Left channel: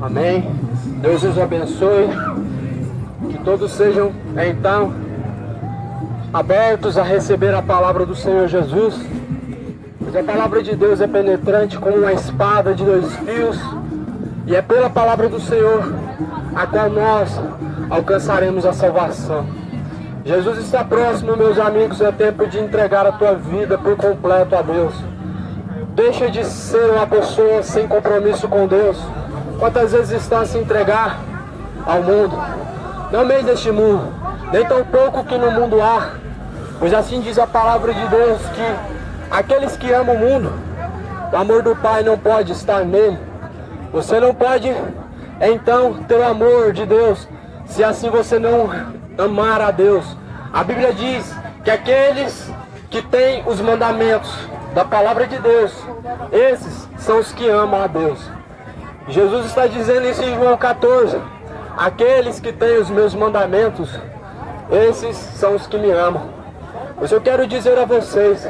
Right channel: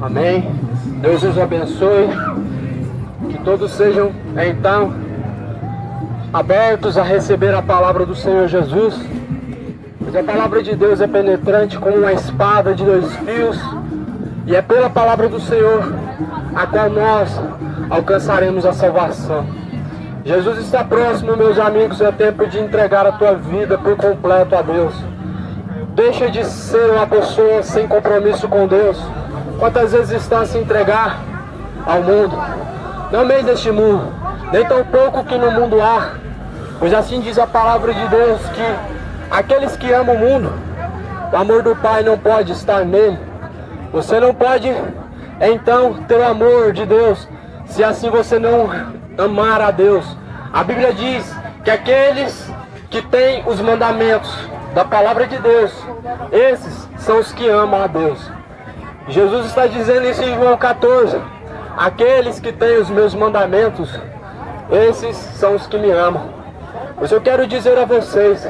Amém. Deus os abençoe. Que todos sejam, então, abertos a receber a palavra do Senhor Jesus. Porque a palavra de Deus é penetrante como uma espada de dois fios. E é pela palavra do Senhor a qual nós alcançaremos a salvação. Jesus está próximo, meus amigos. É tempo de entregar a tua vida por completo a Deus. Deixa de ser uma pessoa sem compromisso com Deus. Quantas vezes está a se entregar ao mundo? Não meio deste mundo, nem tão pouco que no mundo há. Pois assim diz a palavra de Deus, que aqueles que amam o mundo, o amor do Pai não pode estar nele. Você não pode, então, ter o amor de Deus, se assim você não amar a Deus. A Bíblia diz que aqueles que têm os mandamentos da palavra de Deus, esses são os que amam a Deus. Jesus está dizendo isso em João 14. Aqueles que têm os meus mandamentos, esses são os que me amam. Mas eu quero dizer a vocês,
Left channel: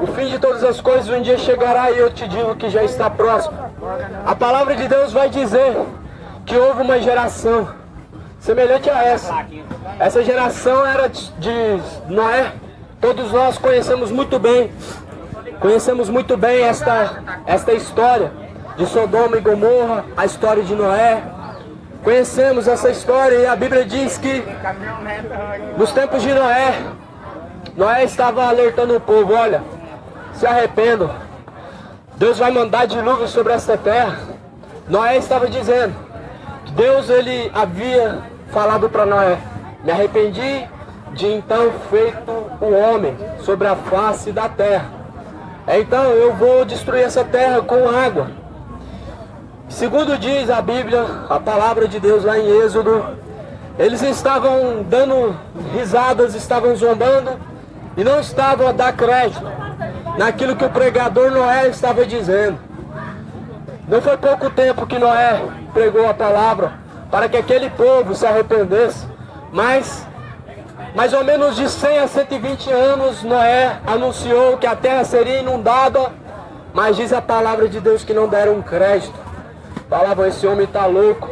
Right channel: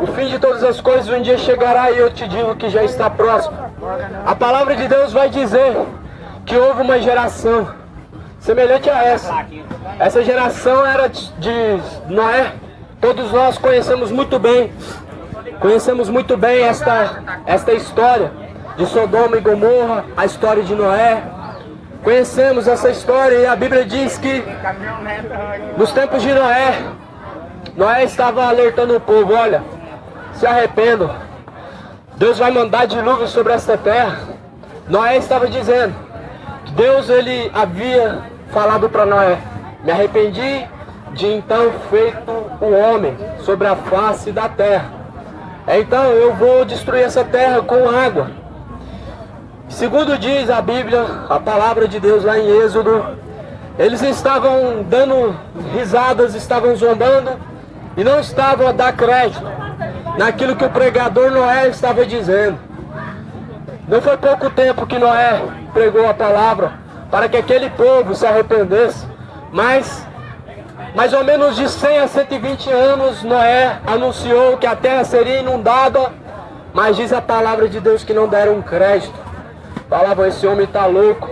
o fim de todas as coisas um dia chegará, e eu te digo que já está próximo. A palavra de Deus vai dizer que houve uma geração semelhante a essa. Essa geração era de Noé. Todos nós conhecemos muito bem esta história de Sodoma e Gomorra, a história de Noé. Conhecemos essa história, e a Bíblia diz que nos tempos de Noé estava alertando o povo: olha, se arrependam, Deus vai mandar dilúvio sobre esta terra. Noé estava dizendo, Deus ele havia falado para Noé: me arrependi de então feito o homem sobre a face da terra. Então eu vou destruir essa terra com água. Segundo diz a Bíblia, a palavra de Deus lá em Êxodo, eles estavam dando risadas, estavam zombando e não estavam a dar crédito naquilo que o pregador Noé estava dizendo. Não foi pouco tempo que Noé pregou a palavra para que aquele povo se arrependesse, mas mais ou menos de 100 a 120 anos Noé anunciou que a terra seria inundada, mas diz a palavra de Deus que não deram crédito. Falavam: esse homem está louco,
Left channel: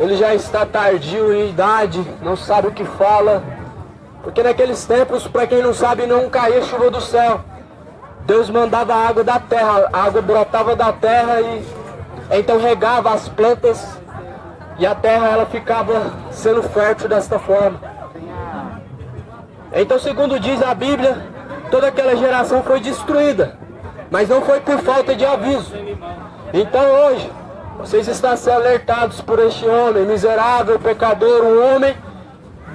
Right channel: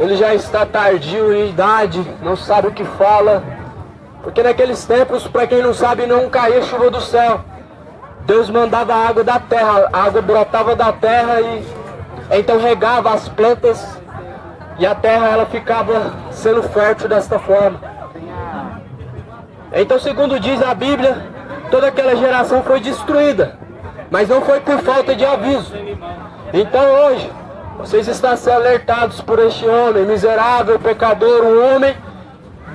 ele já está tardio em idade, não sabe o que fala. Porque naqueles tempos, para quem não sabe, não caía chuva do céu. Deus mandava a água da terra, a água brotava da terra e então regava as plantas, e a terra ela ficava sendo fértil desta forma. Então, segundo diz a Bíblia, toda aquela geração foi destruída, mas não foi por falta de aviso. Então hoje, vocês estão sendo alertados por este homem, miserável, pecador, um homem,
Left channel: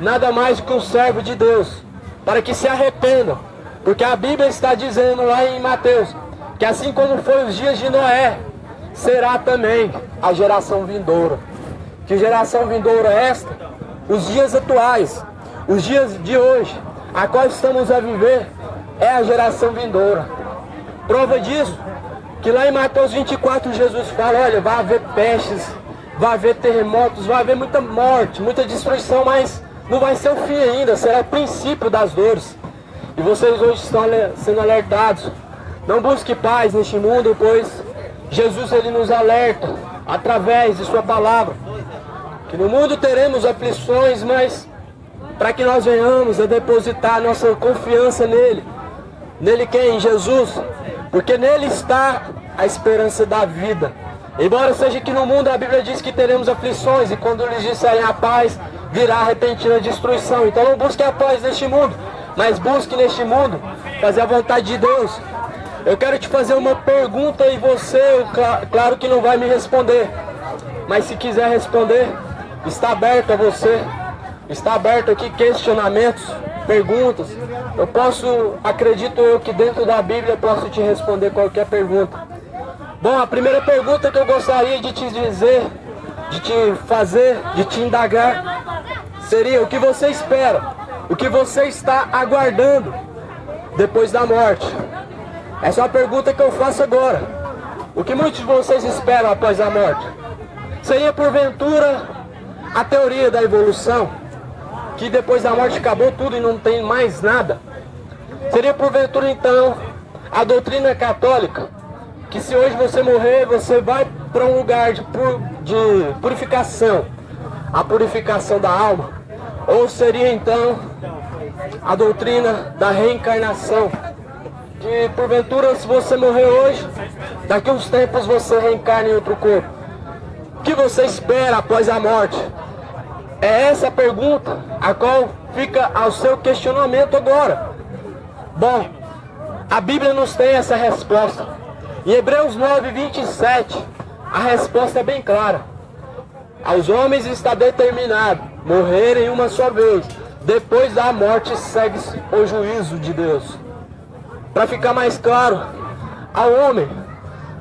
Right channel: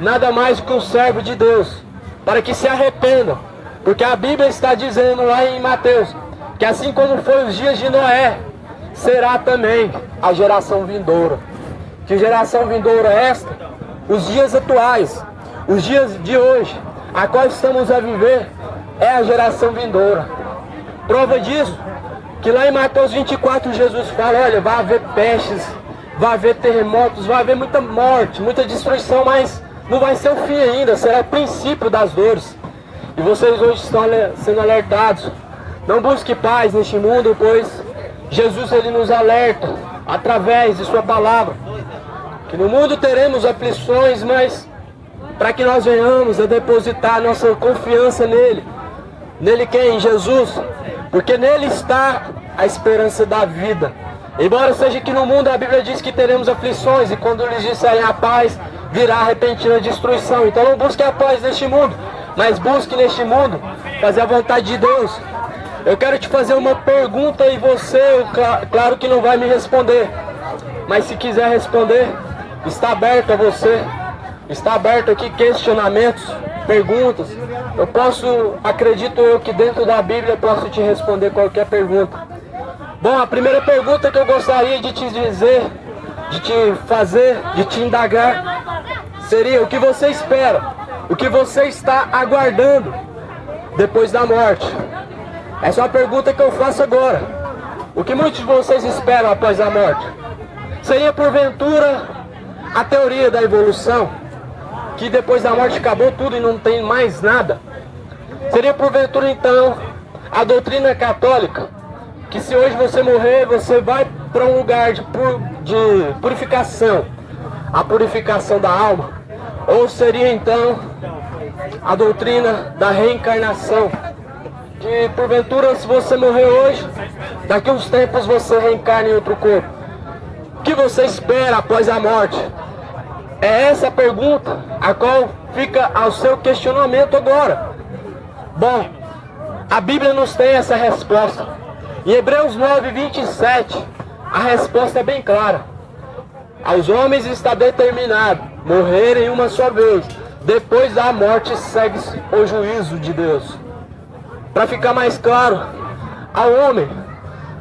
nada mais que um servo de Deus, para que se arrependam. Porque a Bíblia está dizendo lá em Mateus, que assim como foi os dias de Noé, será também a geração vindoura. Que geração vindoura é esta? Os dias atuais, os dias de hoje, a qual estamos a viver, é a geração vindoura. Prova disso, que lá em Mateus 24 Jesus fala: olha, vai haver pestes, vai haver terremotos, vai haver muita morte, muita destruição, mas não vai ser o fim ainda, será o princípio das dores. E vocês hoje estão sendo alertados: não busque paz neste mundo, pois Jesus ele nos alerta através de sua palavra, que no mundo teremos aflições, mas para que nós venhamos a depositar nossa confiança nele. Nele quem? Em Jesus. Porque nele está a esperança da vida. Embora seja que no mundo a Bíblia diz que teremos aflições, e quando lhes disserem a paz, virá a repentina destruição. Então não busque a paz neste mundo, mas busque neste mundo fazer a vontade de Deus. Eu quero te fazer uma pergunta, e você, claro que não vai me responder, mas se quiser responder, está aberto a você. Está aberto aqui questionamentos, perguntas. Eu posso, acredito eu, que dentro da Bíblia eu posso te responder qualquer pergunta. Bom, a primeira pergunta que eu gostaria de te dizer, de te fazer, de te indagar, seria: o que você espera? O que você está aguardando depois da morte? Essa é uma pergunta que eu faço agora. O que muitos de vocês esperam após a morte? Seria porventura a teoria da evolução, que depois da morte acabou tudo e não tem mais nada? Seria porventura então a doutrina católica, que se hoje você morrer, você vai para um lugar de purificação, a purificação da alma? Ou seria então a doutrina da reencarnação, de porventura, se você morrer hoje, daqui a uns tempos você reencarna em outro corpo? O que você espera após a morte? É essa a pergunta a qual fica ao seu questionamento agora. Bom, a Bíblia nos tem essa resposta. Em Hebreus 9:27, a resposta é bem clara. Aos homens está determinado morrerem uma só vez. Depois da morte segue-se o juízo de Deus. Para ficar mais claro, ao homem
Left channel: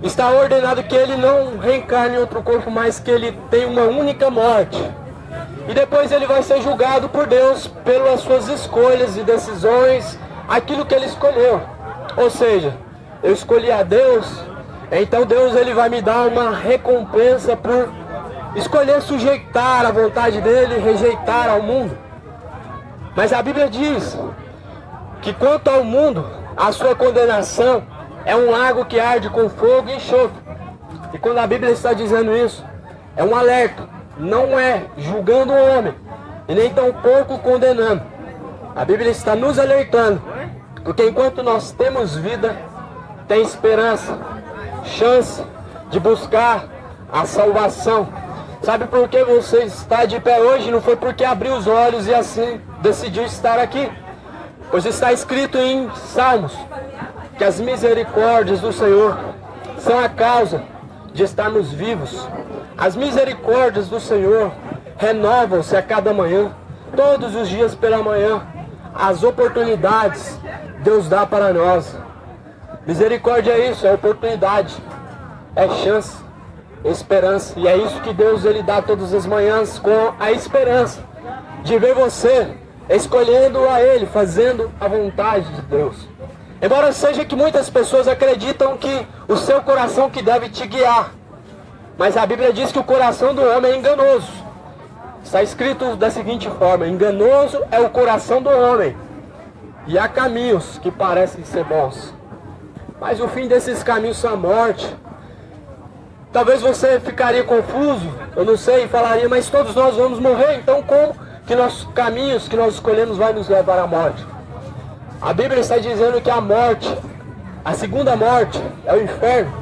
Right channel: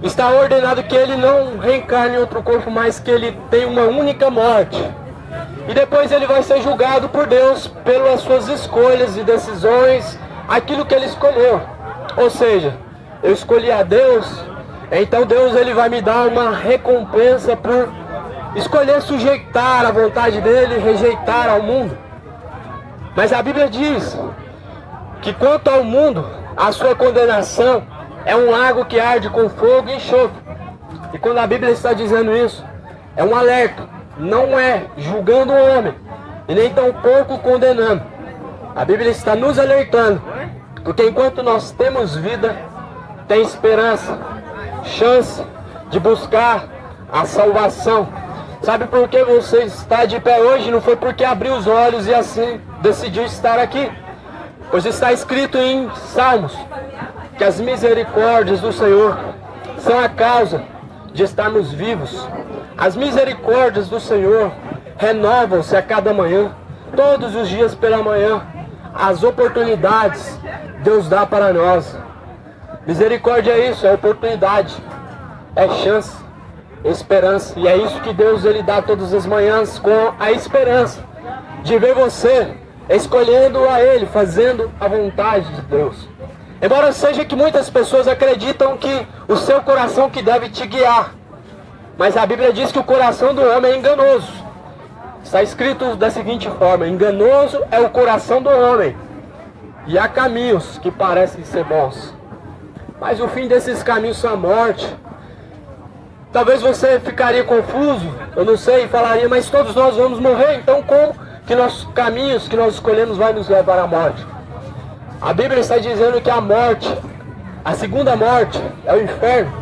está ordenado que ele não reencarne em outro corpo, mas que ele tenha uma única morte. E depois ele vai ser julgado por Deus pelas suas escolhas e decisões, aquilo que ele escolheu. Ou seja, eu escolhi a Deus, então Deus ele vai me dar uma recompensa por escolher sujeitar a vontade dele e rejeitar ao mundo. Mas a Bíblia diz que quanto ao mundo, a sua condenação é um lago que arde com fogo e enxofre. E quando a Bíblia está dizendo isso, é um alerta. Não é julgando o homem, e nem tampouco condenando. A Bíblia está nos alertando, porque enquanto nós temos vida, tem esperança, chance de buscar a salvação. Sabe por que você está de pé hoje? Não foi porque abriu os olhos e assim decidiu estar aqui. Pois está escrito em Salmos que as misericórdias do Senhor são a causa de estarmos vivos. As misericórdias do Senhor renovam-se a cada manhã, todos os dias pela manhã. As oportunidades Deus dá para nós. Misericórdia é isso, é oportunidade, é chance, esperança. E é isso que Deus ele dá todas as manhãs, com a esperança de ver você escolhendo a Ele, fazendo a vontade de Deus. Embora seja que muitas pessoas acreditam que o seu coração que deve te guiar, mas a Bíblia diz que o coração do homem é enganoso. Está escrito da seguinte forma: enganoso é o coração do homem, e há caminhos que parecem ser bons, mas o fim desses caminhos são a morte. Talvez você ficaria confuso, eu não sei, e falaria, mas todos nós vamos morrer, então como que nossos caminhos que nós escolhemos vai nos levar à morte? A Bíblia está dizendo que a morte, a segunda morte, é o inferno.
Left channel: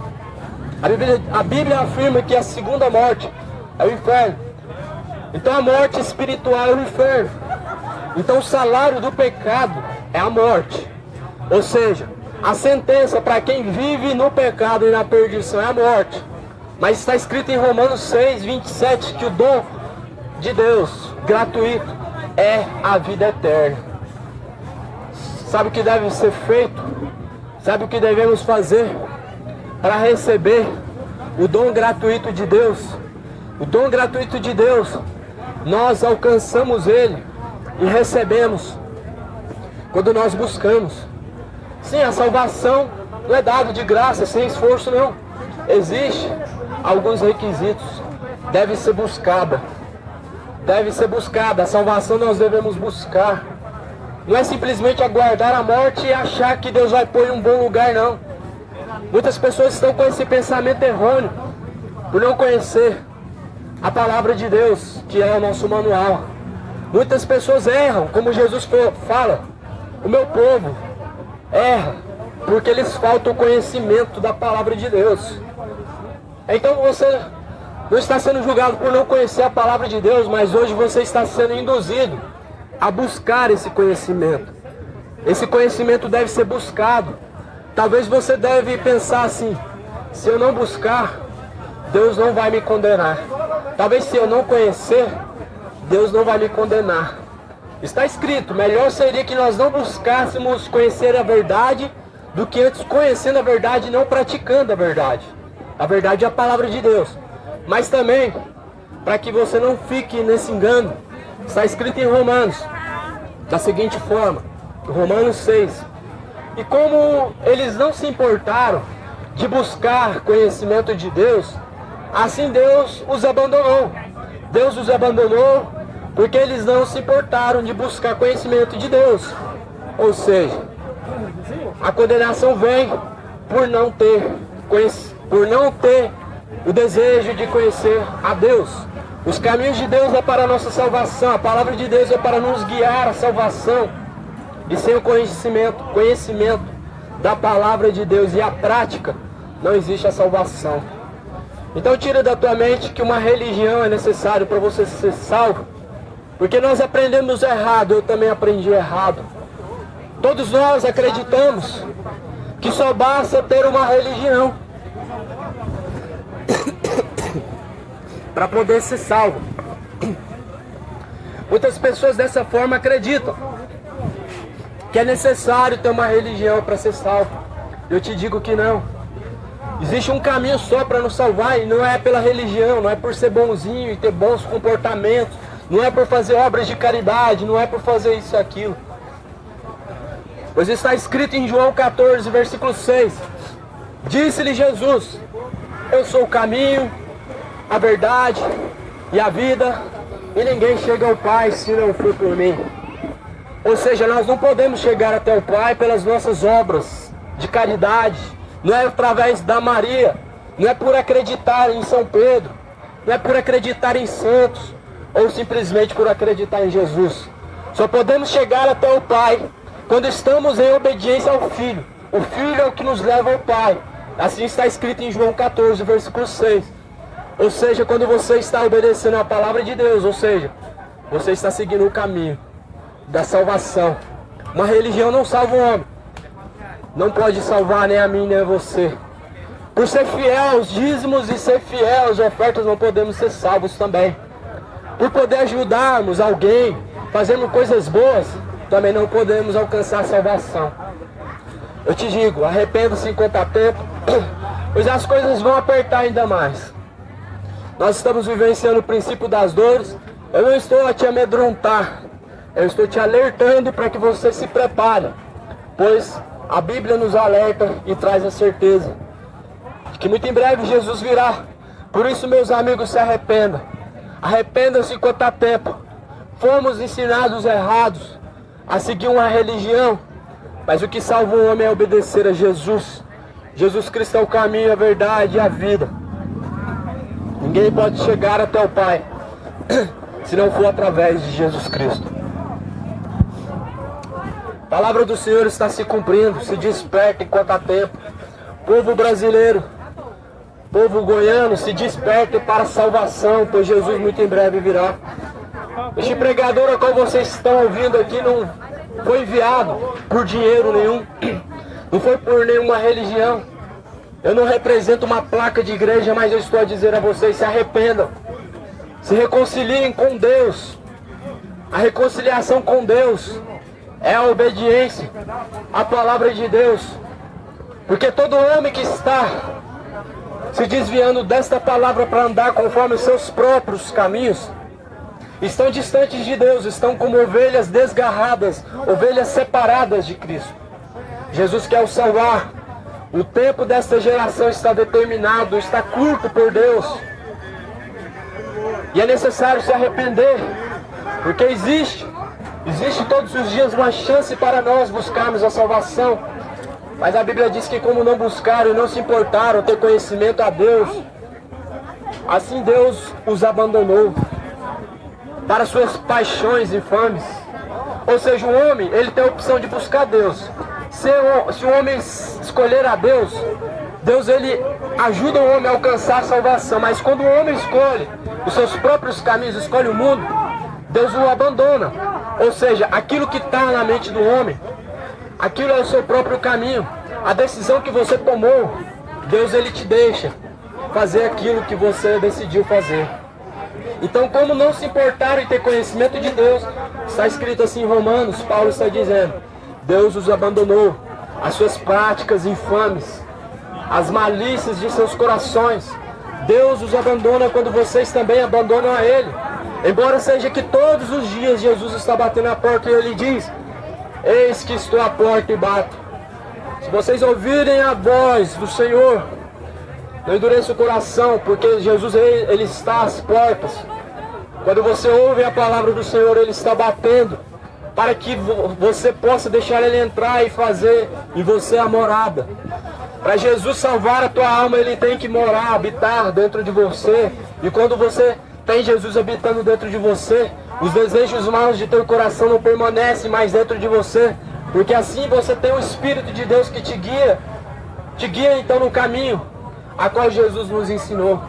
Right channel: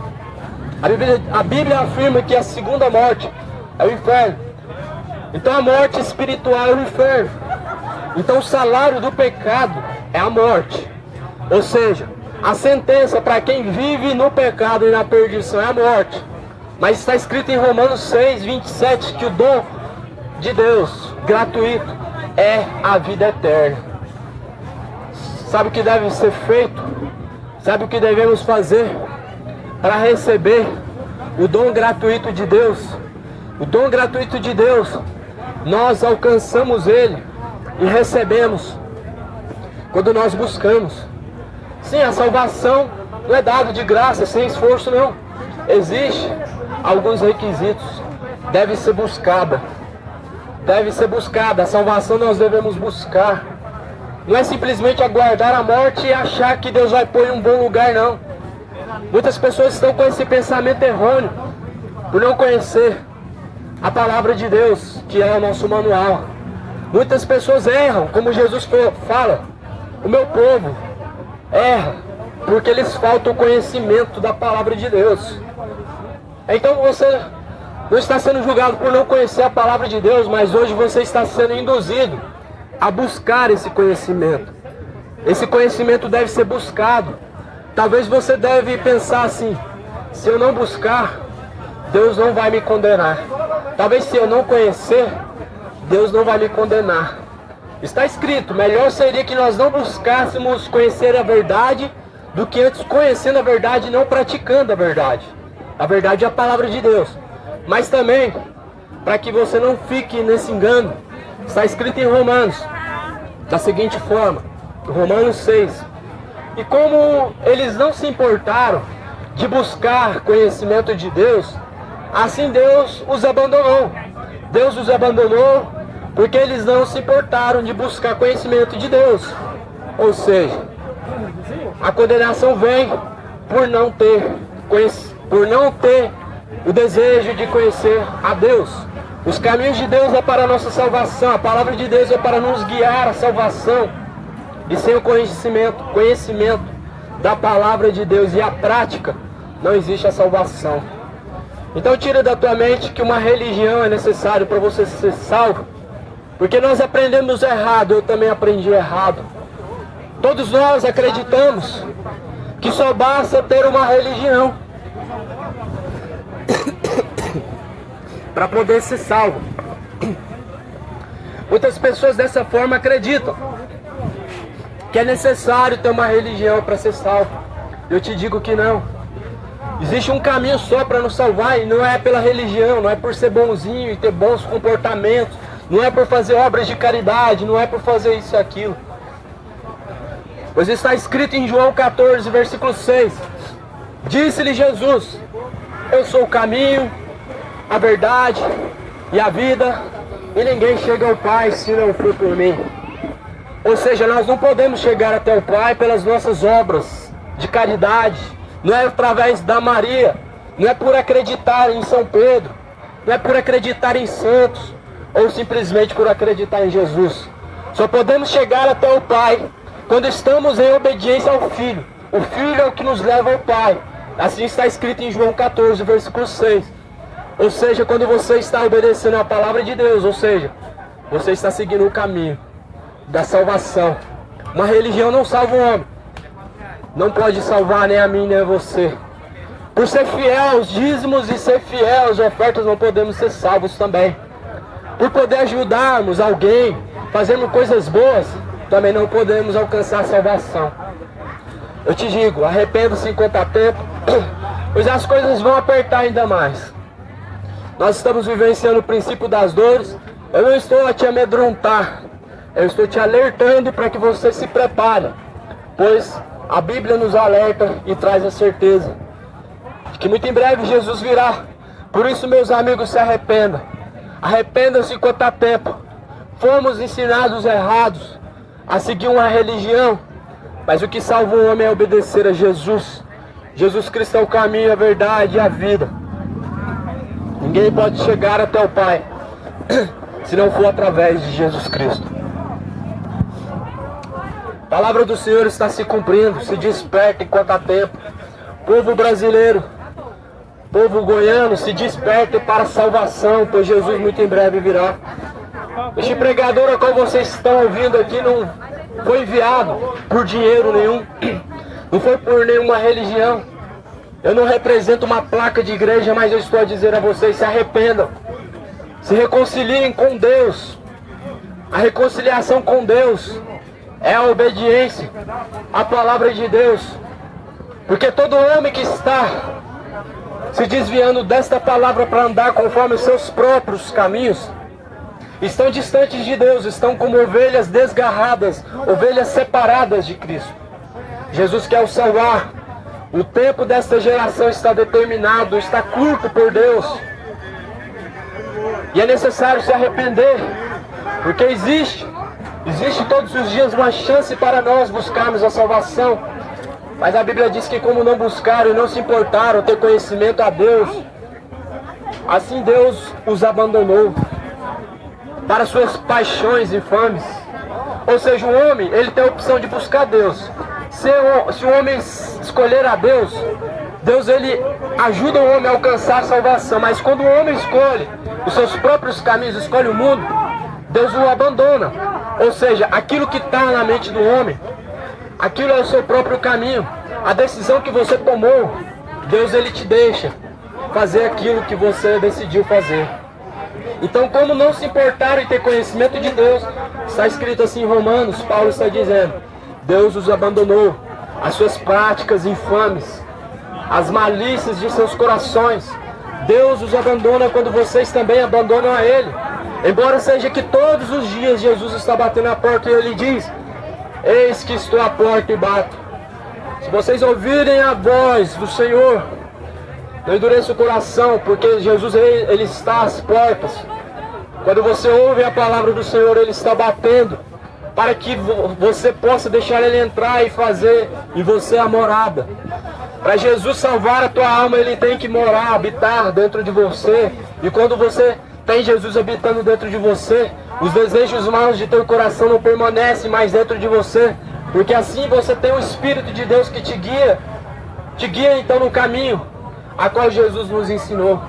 A Bíblia afirma que a segunda morte é o inferno. Então a morte espiritual é o inferno. Então o salário do pecado é a morte. Ou seja, a sentença para quem vive no pecado e na perdição é a morte. Mas está escrito em Romanos 6:27 que o dom de Deus, gratuito, é a vida eterna. Sabe o que deve ser feito? Sabe o que devemos fazer para receber o dom gratuito de Deus? O dom gratuito de Deus, nós alcançamos ele e recebemos quando nós buscamos. Sim, a salvação não é dada de graça, sem esforço não. Existem alguns requisitos. Deve ser buscada. Deve ser buscada. A salvação nós devemos buscar. Não é simplesmente aguardar a morte e achar que Deus vai pôr em um bom lugar, não. Muitas pessoas estão com esse pensamento errôneo, por não conhecer a palavra de Deus, que é o nosso manual. Muitas pessoas erram, como Jesus fala, o meu povo erra, porque lhes falta o conhecimento da palavra de Deus. Então você não está sendo julgado por não conhecer a palavra de Deus, mas hoje você está sendo induzido a buscar esse conhecimento. Esse conhecimento deve ser buscado. Talvez você deve pensar assim: se eu não buscar, Deus não vai me condenar. Talvez se eu não conhecer, Deus não vai me condenar. Está escrito, melhor seria que nós não buscássemos conhecer a verdade do que antes conhecendo a verdade e não praticando a verdade. A verdade é a palavra de Deus. Mas também, para que você não fique nesse engano, está escrito em Romanos, da seguinte forma, Romanos 6. E como eles não se importaram de buscar conhecimento de Deus, assim Deus os abandonou. Deus os abandonou porque eles não se importaram de buscar conhecimento de Deus. Ou seja, a condenação vem por não ter o desejo de conhecer a Deus. Os caminhos de Deus é para a nossa salvação, a palavra de Deus é para nos guiar à salvação. E sem o conhecimento da palavra de Deus e a prática, não existe a salvação. Então tira da tua mente que uma religião é necessário para você ser salvo. Porque nós aprendemos errado, eu também aprendi errado. Todos nós acreditamos que só basta ter uma religião para poder ser salvo. Muitas pessoas dessa forma acreditam que é necessário ter uma religião para ser salvo. Eu te digo que não. Existe um caminho só para nos salvar e não é pela religião, não é por ser bonzinho e ter bons comportamentos, não é por fazer obras de caridade, não é por fazer isso e aquilo. Pois está escrito em João 14, versículo 6. Disse-lhe Jesus: eu sou o caminho, a verdade e a vida, e ninguém chega ao Pai se não for por mim. Ou seja, nós não podemos chegar até o Pai pelas nossas obras de caridade, não é através da Maria, não é por acreditar em São Pedro, não é por acreditar em santos, ou simplesmente por acreditar em Jesus. Só podemos chegar até o Pai quando estamos em obediência ao Filho. O Filho é o que nos leva ao Pai. Assim está escrito em João 14, versículo 6. Ou seja, quando você está obedecendo a palavra de Deus, ou seja, você está seguindo o caminho da salvação. Uma religião não salva o homem. Não pode salvar nem a mim, nem a você. Por ser fiel aos dízimos e ser fiel às ofertas, não podemos ser salvos também. Por poder ajudarmos alguém, fazendo coisas boas, também não podemos alcançar a salvação. Eu te digo, arrependa-se enquanto há tempo, pois as coisas vão apertar ainda mais. Nós estamos vivenciando o princípio das dores. Eu não estou a te amedrontar, eu estou te alertando para que você se prepare, pois a Bíblia nos alerta e traz a certeza de que muito em breve Jesus virá. Por isso, meus amigos, se arrependam. Arrependam-se enquanto há tempo. Fomos ensinados errados a seguir uma religião, mas o que salva o homem é obedecer a Jesus. Jesus Cristo é o caminho, a verdade e a vida. Ninguém pode chegar até o Pai se não for através de Jesus Cristo. A palavra do Senhor está se cumprindo. Se desperta enquanto há tempo. Povo brasileiro, povo goiano, se desperte para a salvação, pois Jesus muito em breve virá. Este pregador a qual vocês estão ouvindo aqui não foi enviado por dinheiro nenhum, não foi por nenhuma religião. Eu não represento uma placa de igreja, mas eu estou a dizer a vocês: se arrependam, se reconciliem com Deus. A reconciliação com Deus é a obediência à palavra de Deus. Porque todo homem que está se desviando desta palavra para andar conforme os seus próprios caminhos, estão distantes de Deus, estão como ovelhas desgarradas, ovelhas separadas de Cristo. Jesus quer o salvar. O tempo desta geração está determinado, está curto por Deus. E é necessário se arrepender, porque existe todos os dias uma chance para nós buscarmos a salvação. Mas a Bíblia diz que como não buscaram e não se importaram ter conhecimento a Deus, assim Deus os abandonou para suas paixões infames. Ou seja, o homem, ele tem a opção de buscar Deus. Se o homem escolher a Deus, Deus ele ajuda o homem a alcançar a salvação. Mas quando o homem escolhe os seus próprios caminhos, escolhe o mundo, Deus o abandona. Ou seja, aquilo que está na mente do homem, aquilo é o seu próprio caminho. A decisão que você tomou, Deus ele te deixa fazer aquilo que você decidiu fazer. Então, como não se importaram em ter conhecimento de Deus, está escrito assim em Romanos, Paulo está dizendo: Deus os abandonou, as suas práticas infames, as malícias de seus corações. Deus os abandona quando vocês também abandonam a Ele. Embora seja que todos os dias Jesus está batendo na porta e Ele diz: eis que estou à porta e bato. Se vocês ouvirem a voz do Senhor, não endureça o coração, porque Jesus ele está às portas. Quando você ouve a palavra do Senhor, Ele está batendo, para que você possa deixar Ele entrar e fazer em você a morada. Para Jesus salvar a tua alma, Ele tem que morar, habitar dentro de você. E quando você tem Jesus habitando dentro de você, os desejos maus de teu coração não permanecem mais dentro de você. Porque assim você tem o Espírito de Deus que te guia. Te guia então no caminho a qual Jesus nos ensinou.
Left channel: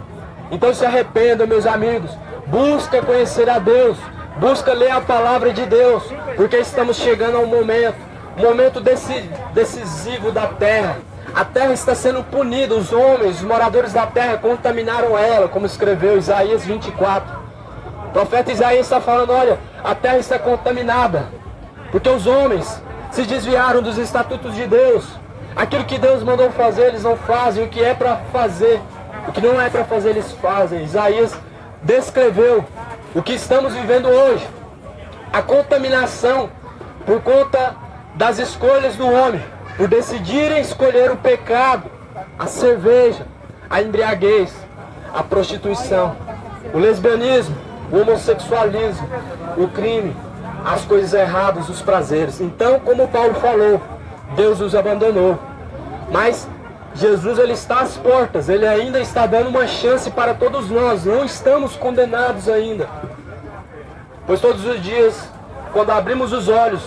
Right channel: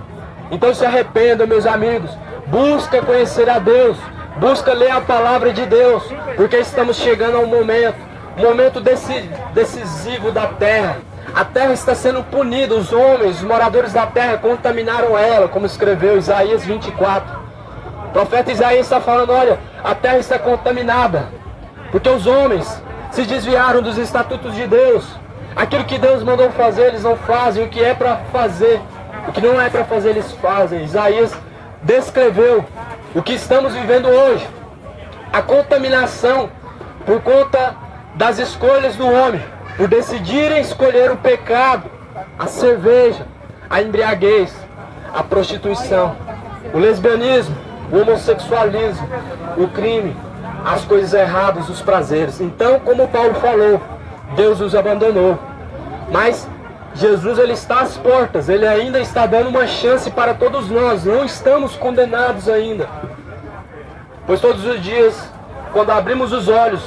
Então se arrependa, meus amigos. Busca conhecer a Deus. Busca ler a palavra de Deus. Porque estamos chegando a um momento decisivo da terra. A terra está sendo punida. Os homens, os moradores da terra contaminaram ela, como escreveu Isaías 24. O profeta Isaías está falando, olha, a terra está contaminada. Porque os homens se desviaram dos estatutos de Deus. Aquilo que Deus mandou fazer, eles não fazem. O que é para fazer, o que não é para fazer, eles fazem. Isaías descreveu o que estamos vivendo hoje. A contaminação por conta das escolhas do homem. Por decidirem escolher o pecado, a cerveja, a embriaguez, a prostituição, o lesbianismo, o homossexualismo, o crime, as coisas erradas, os prazeres. Então, como Paulo falou, Deus os abandonou. Mas Jesus, Ele está às portas. Ele ainda está dando uma chance para todos nós. Não estamos condenados ainda. Pois todos os dias, quando abrimos os olhos,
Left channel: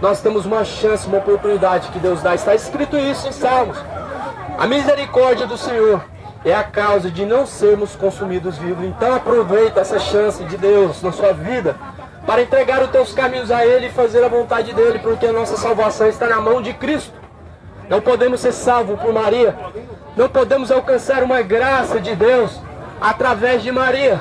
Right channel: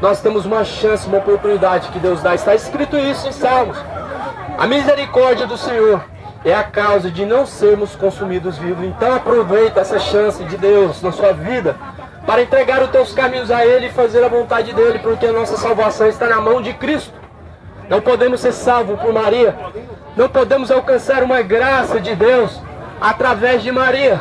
nós temos uma chance, uma oportunidade que Deus dá. Está escrito isso em Salmos. A misericórdia do Senhor é a causa de não sermos consumidos vivos. Então aproveita essa chance de Deus na sua vida para entregar os teus caminhos a Ele e fazer a vontade dEle, porque a nossa salvação está na mão de Cristo. Não podemos ser salvos por Maria. Não podemos alcançar uma graça de Deus através de Maria.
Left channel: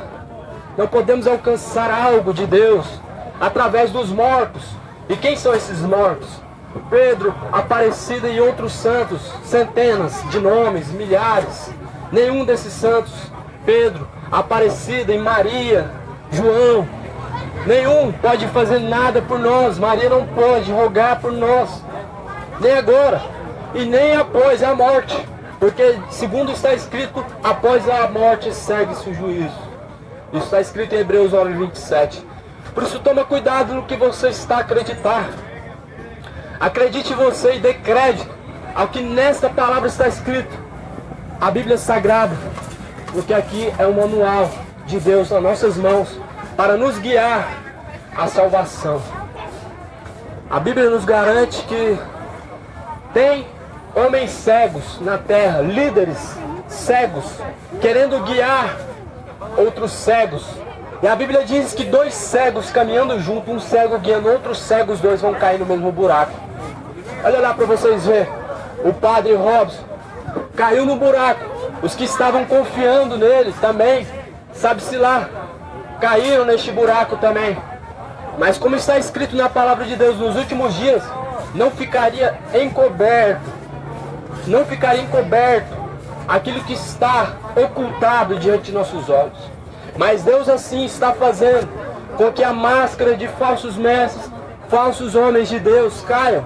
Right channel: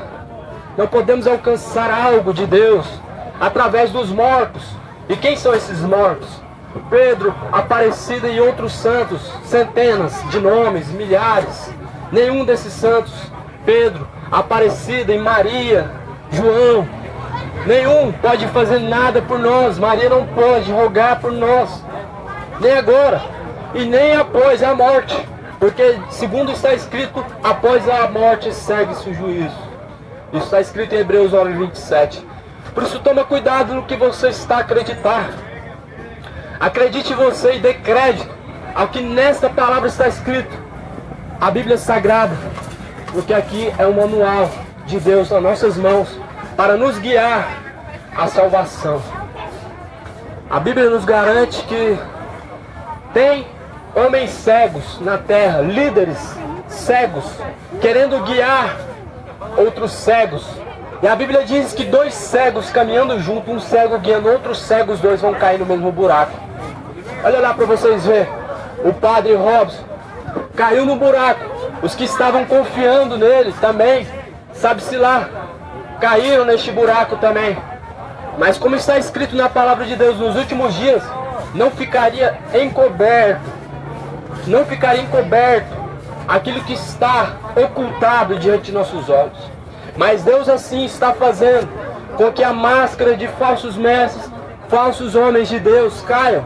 Não podemos alcançar algo de Deus através dos mortos. E quem são esses mortos? Pedro, Aparecida e outros santos, centenas de nomes, milhares. Nenhum desses santos, Pedro, Aparecida e Maria, João, nenhum pode fazer nada por nós. Maria não pode rogar por nós, nem agora e nem após a morte, porque segundo está escrito, após a morte segue-se o juízo. Isso está escrito em Hebreus 9:27. Por isso toma cuidado no que você está a acreditar. Acredite você e dê crédito ao que nesta palavra está escrito. A Bíblia Sagrada, porque aqui é um manual de Deus nas nossas mãos para nos guiar à salvação. A Bíblia nos garante que tem homens cegos na terra, líderes cegos, querendo guiar outros cegos. E a Bíblia diz que dois cegos caminhando junto, um cego guiando outro cego, os dois vão cair no mesmo buraco. Olha lá para vocês verem. O padre Robson caiu no buraco. Os que estavam confiando nele também, sabe-se lá, caíram neste buraco também. Mas como está escrito na palavra de Deus, nos últimos dias, não ficaria encoberto aquilo que está ocultado diante de nossos olhos. Mas Deus assim está fazendo com que a máscara de falsos mestres, falsos homens de Deus caiam.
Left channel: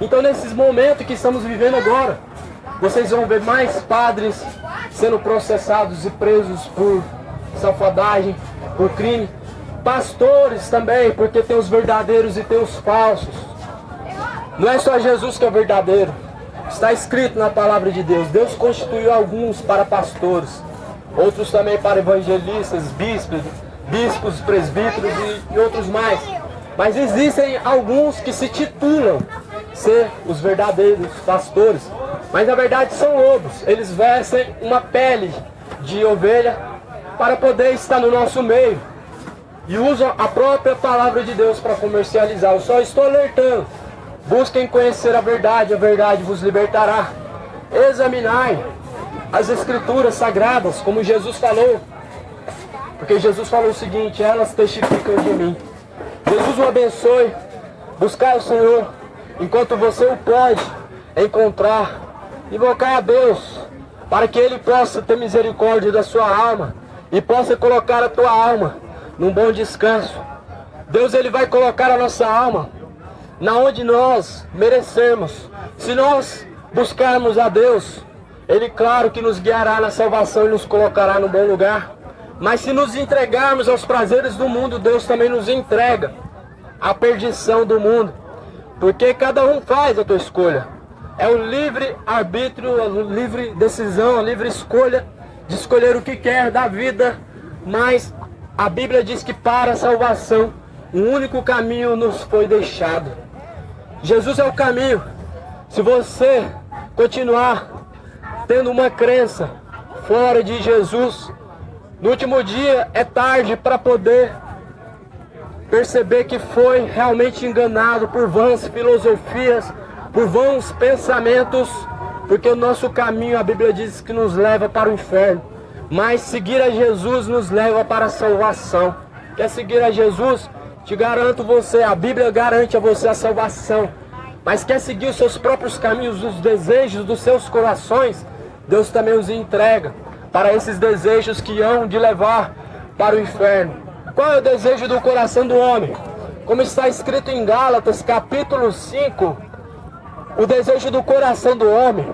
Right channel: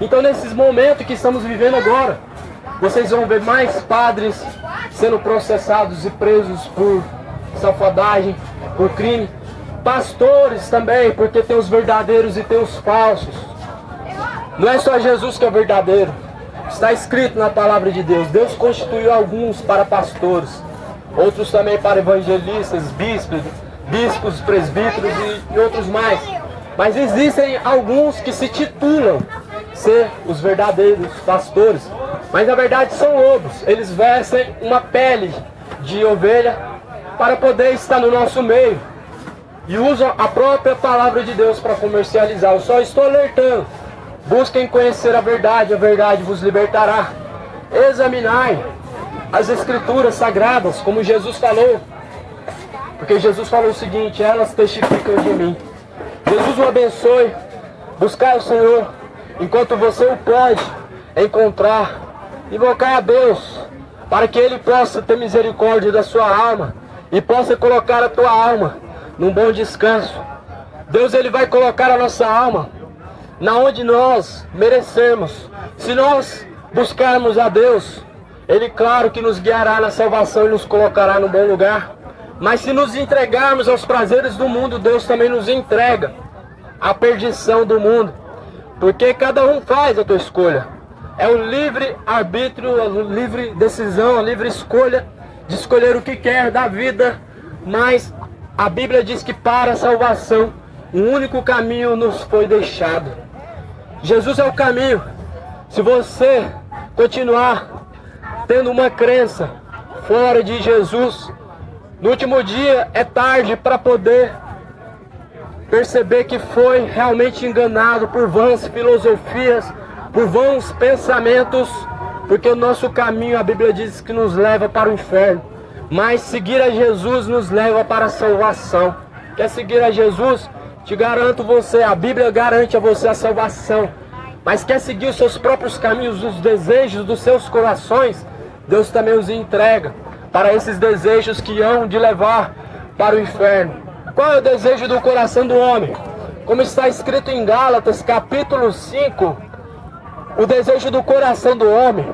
Então nesses momentos que estamos vivendo agora, vocês vão ver mais padres sendo processados e presos por safadagem, por crime. Pastores também, porque tem os verdadeiros e tem os falsos. Não é só Jesus que é verdadeiro. Está escrito na palavra de Deus. Deus constituiu alguns para pastores, outros também para evangelistas, bispos, presbíteros e outros mais. Mas existem alguns que se titulam ser os verdadeiros pastores, mas na verdade são lobos. Eles vestem uma pele de ovelha para poder estar no nosso meio e usam a própria palavra de Deus para comercializar. Eu só estou alertando. Busquem conhecer a verdade vos libertará. Examinai as escrituras sagradas, como Jesus falou, porque Jesus falou o seguinte: elas testificam de mim. Jesus o abençoe. Buscar o Senhor enquanto você o pode encontrar. Invocar a Deus para que Ele possa ter misericórdia da sua alma e possa colocar a tua alma num bom descanso. Deus, Ele vai colocar a nossa alma na onde nós merecemos. Se nós buscarmos a Deus, Ele, claro, que nos guiará na salvação e nos colocará no bom lugar. Mas se nos entregarmos aos prazeres do mundo, Deus também nos entrega à perdição do mundo. Porque cada um faz a tua escolha. é o livre arbítrio, a livre decisão, a livre escolha de escolher o que quer da vida, mas a Bíblia diz que para a salvação, um único caminho nos foi deixado. Jesus é o caminho. Se você continuar tendo uma crença fora de Jesus, no último dia é tarde para poder perceber que foi realmente enganado por vãs filosofias, por vãos pensamentos, porque o nosso caminho, a Bíblia diz que nos leva para o inferno, mas seguir a Jesus nos leva para a salvação. Quer seguir a Jesus? Te garanto você, a Bíblia garante a você a salvação, mas quer seguir os seus próprios caminhos, os desejos dos seus corações, Deus também os entrega para esses desejos que hão de levar para o inferno. Qual é o desejo do coração do homem? Como está escrito em Gálatas, capítulo 5, o desejo do coração do homem,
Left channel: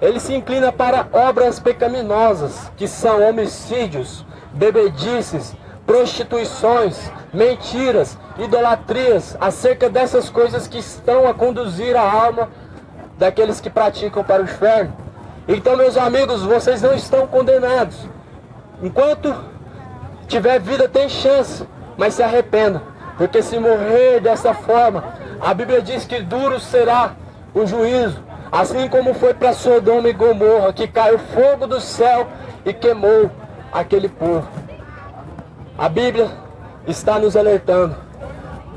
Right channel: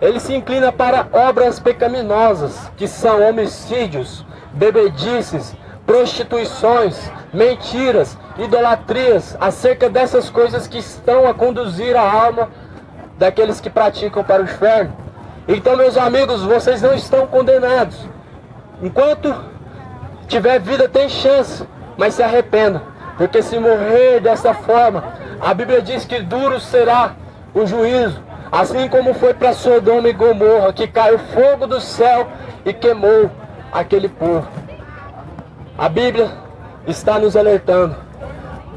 ele se inclina para obras pecaminosas, que são homicídios, bebedices, prostituições, mentiras, idolatrias, acerca dessas coisas que estão a conduzir a alma daqueles que praticam para o inferno. Então, meus amigos, vocês não estão condenados. Enquanto tiver vida, tem chance, mas se arrependa, porque se morrer dessa forma, a Bíblia diz que duro será o juízo, assim como foi para Sodoma e Gomorra, que caiu fogo do céu e queimou aquele povo. A Bíblia está nos alertando.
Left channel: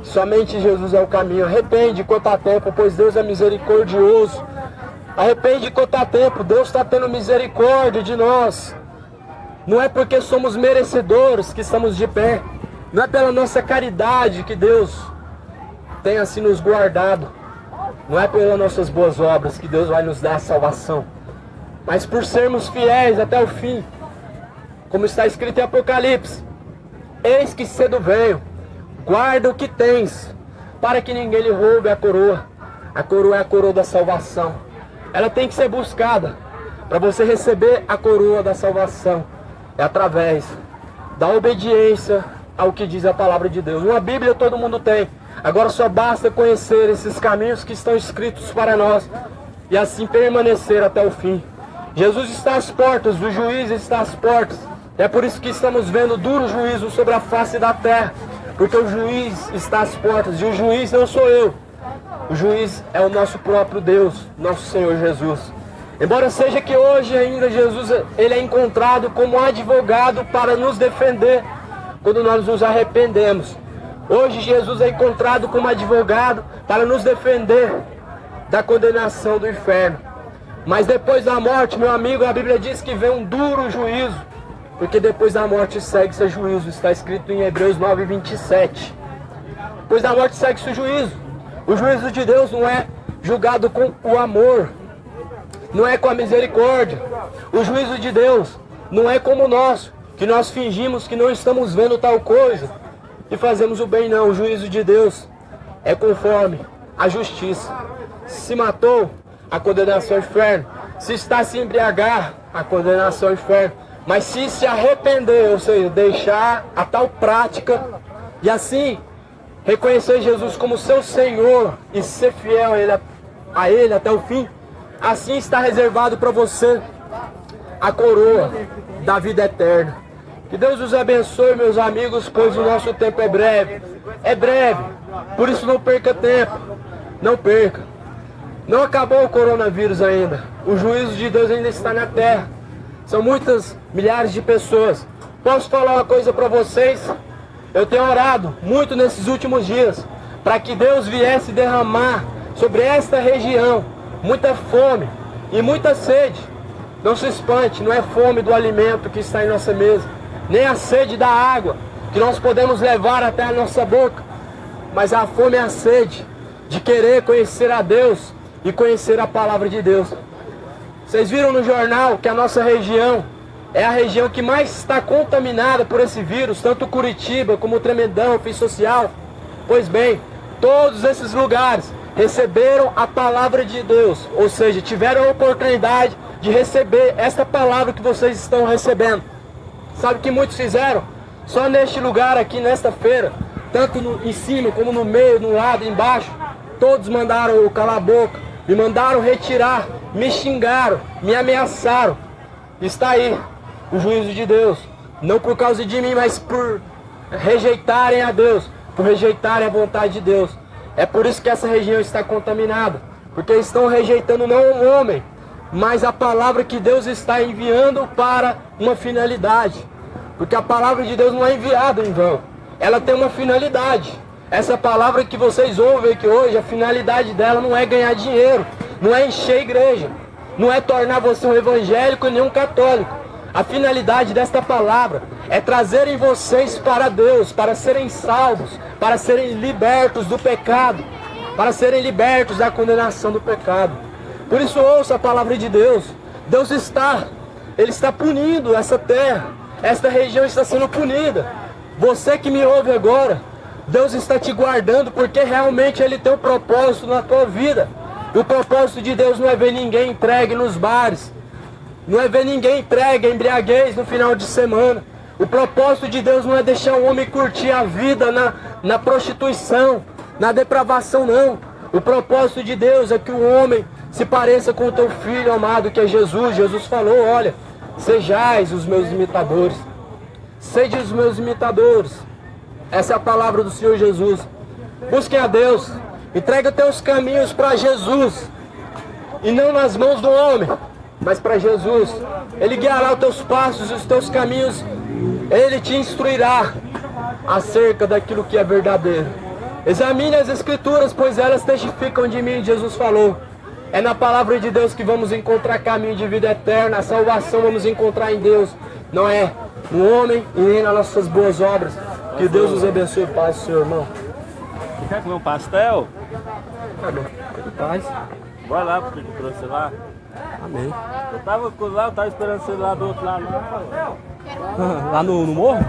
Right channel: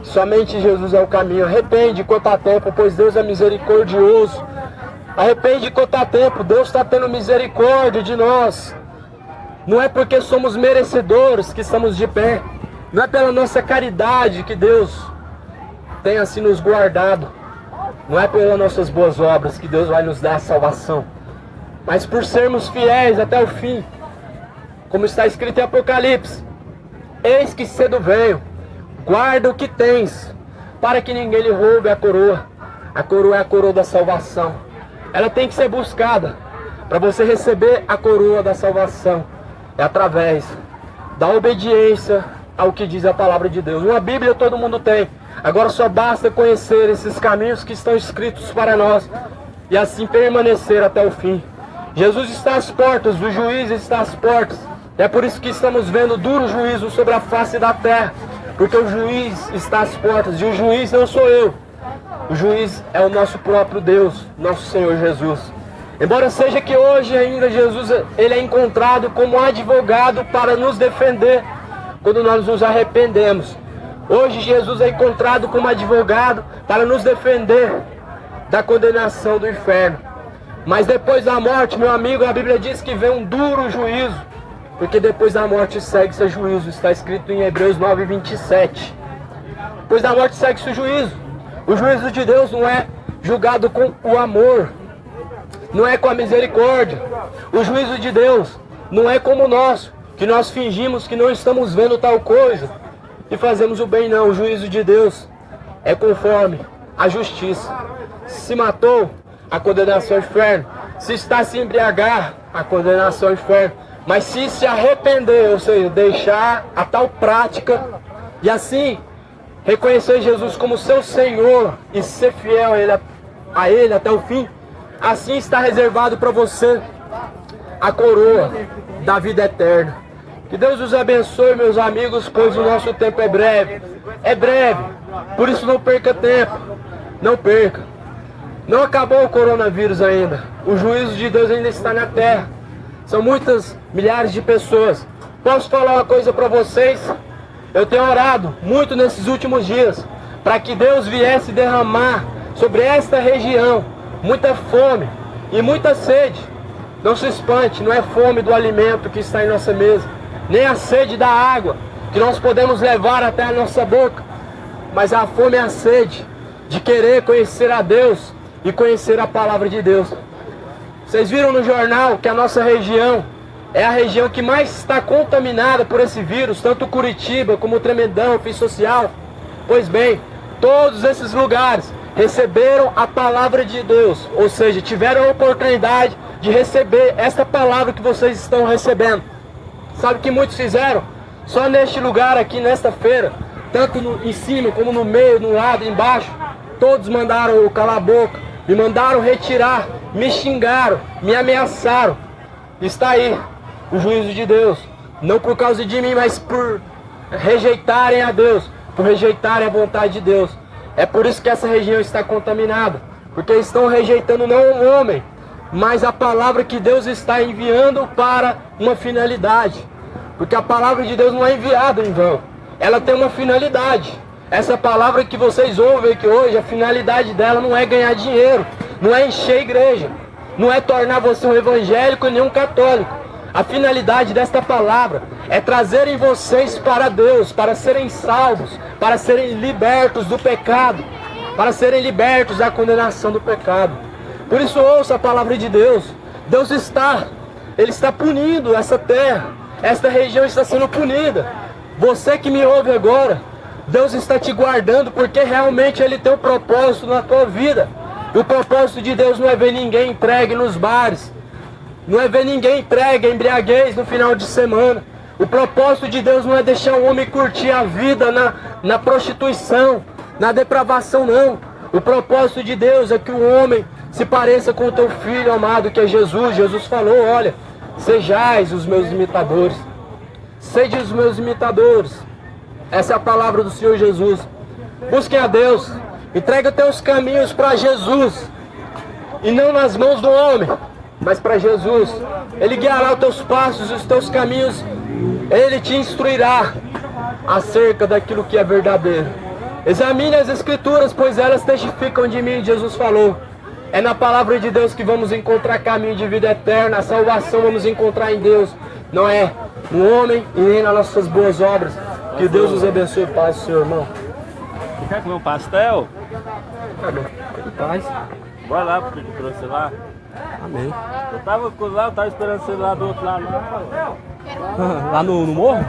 Somente Jesus é o caminho. Arrepende quanto há tempo, pois Deus é misericordioso. Arrepende quanto há tempo, Deus está tendo misericórdia de nós. Não é porque somos merecedores que estamos de pé. Não é pela nossa caridade que Deus tem assim nos guardado. Não é pelas nossas boas obras que Deus vai nos dar a salvação. Mas por sermos fiéis até o fim. Como está escrito em Apocalipse: eis que cedo venho, guarda o que tens, para que ninguém lhe roube a coroa. A coroa é a coroa da salvação. Ela tem que ser buscada. Para você receber a coroa da salvação, é através da obediência ao que diz a palavra de Deus. Uma Bíblia todo mundo tem. Agora só basta conhecer esses caminhos que estão escritos para nós e assim permanecer até o fim. Jesus está às portas, o juiz está às portas. É por isso que estamos vendo duro juízo sobre a face da terra, porque o juiz está às portas, e o juiz não sou eu. O juiz é o nosso próprio Deus, nosso Senhor Jesus. Embora seja que hoje ainda Jesus ele é encontrado como advogado para nos defender quando nós nos arrependemos. Hoje Jesus é encontrado como advogado para nos defender da condenação do inferno. Mas depois da morte, meu amigo, a Bíblia diz que vem um duro juízo, porque depois da morte segue-se o juízo. Está escrito em Hebreus 9:27. Depois da morte segue-se o juízo. O juízo de Deus não é julgado com o amor, não é com a misericórdia. O juízo de Deus não é como o nosso, que nós fingimos que não estamos vendo tal coisa e fazemos o bem. Não, o juízo de Deus é conforme a justiça. Se matou, a condenação ao inferno. Se está a se embriagar, a condenação ao inferno. Mas se se arrepender, ou seja, deixar a tal prática e assim reconhecer Jesus como seu Senhor e ser fiel a Ele até o fim, assim está reservado para você a coroa da vida eterna. Que Deus os abençoe, meus amigos, pois o nosso tempo é breve. É breve, por isso não perca tempo. Não perca. Não acabou o coronavírus ainda. O juízo de Deus ainda está na terra. São muitas milhares de pessoas. Posso falar uma coisa para vocês? Eu tenho orado muito nesses últimos dias para que Deus viesse derramar sobre esta região muita fome e muita sede. Não se espante, não é fome do alimento que está em nossa mesa, nem a sede da água que nós podemos levar até a nossa boca, mas a fome e a sede de querer conhecer a Deus e conhecer a palavra de Deus. Vocês viram no jornal que a nossa região é a região que mais está contaminada por esse vírus, tanto Curitiba como Tremedão, Fim Social. Pois bem, todos esses lugares receberam a palavra de Deus, ou seja, tiveram a oportunidade de receber esta palavra que vocês estão recebendo. Sabe o que muitos fizeram? Só neste lugar aqui, nesta feira, tanto em cima como no meio, no lado, embaixo, todos mandaram eu calar a boca, me mandaram retirar, me xingaram, me ameaçaram. Está aí o juízo de Deus, não por causa de mim, mas por rejeitarem a Deus, por rejeitarem a vontade de Deus. É por isso que essa região está contaminada, porque estão rejeitando não o homem, mas a palavra que Deus está enviando para uma finalidade. Porque a palavra de Deus não é enviada em vão, ela tem uma finalidade. Essa palavra que vocês ouvem aqui hoje, a finalidade dela não é ganhar dinheiro, não é encher a igreja, não é tornar você um evangélico nem um católico. A finalidade desta palavra é trazerem vocês para Deus, para serem salvos, para serem libertos do pecado, para serem libertos da condenação do pecado. Por isso ouça a palavra de Deus. Deus Ele está punindo essa terra, esta região está sendo punida. Você que me ouve agora, Deus está te guardando porque realmente Ele tem um propósito na tua vida. E o propósito de Deus não é ver ninguém entregue nos bares, não é ver ninguém entregue a embriaguez no final de semana. O propósito de Deus não é deixar o homem curtir a vida na prostituição, na depravação, não. O propósito de Deus é que o homem se pareça com o teu filho amado, que é Jesus. Jesus falou, olha, sejais os meus imitadores. Sede os meus imitadores. Essa é a palavra do Senhor Jesus. Busquem a Deus. Entrega teus caminhos para Jesus. E não nas mãos do homem, mas para Jesus. Ele guiará os teus passos, os teus caminhos. Ele te instruirá acerca daquilo que é verdadeiro. Examine as Escrituras, pois elas testificam de mim, Jesus falou. É na palavra de Deus que vamos encontrar caminho de vida eterna. A salvação vamos encontrar em Deus. Não é no homem e nem nas nossas boas obras. Que Deus os abençoe e paz, Senhor irmão. Quer comer um pastel? Amém. Paz. Vai lá, porque eu trouxe lá. Amém. Eu tava esperando você lá do outro lado. Lá no morro?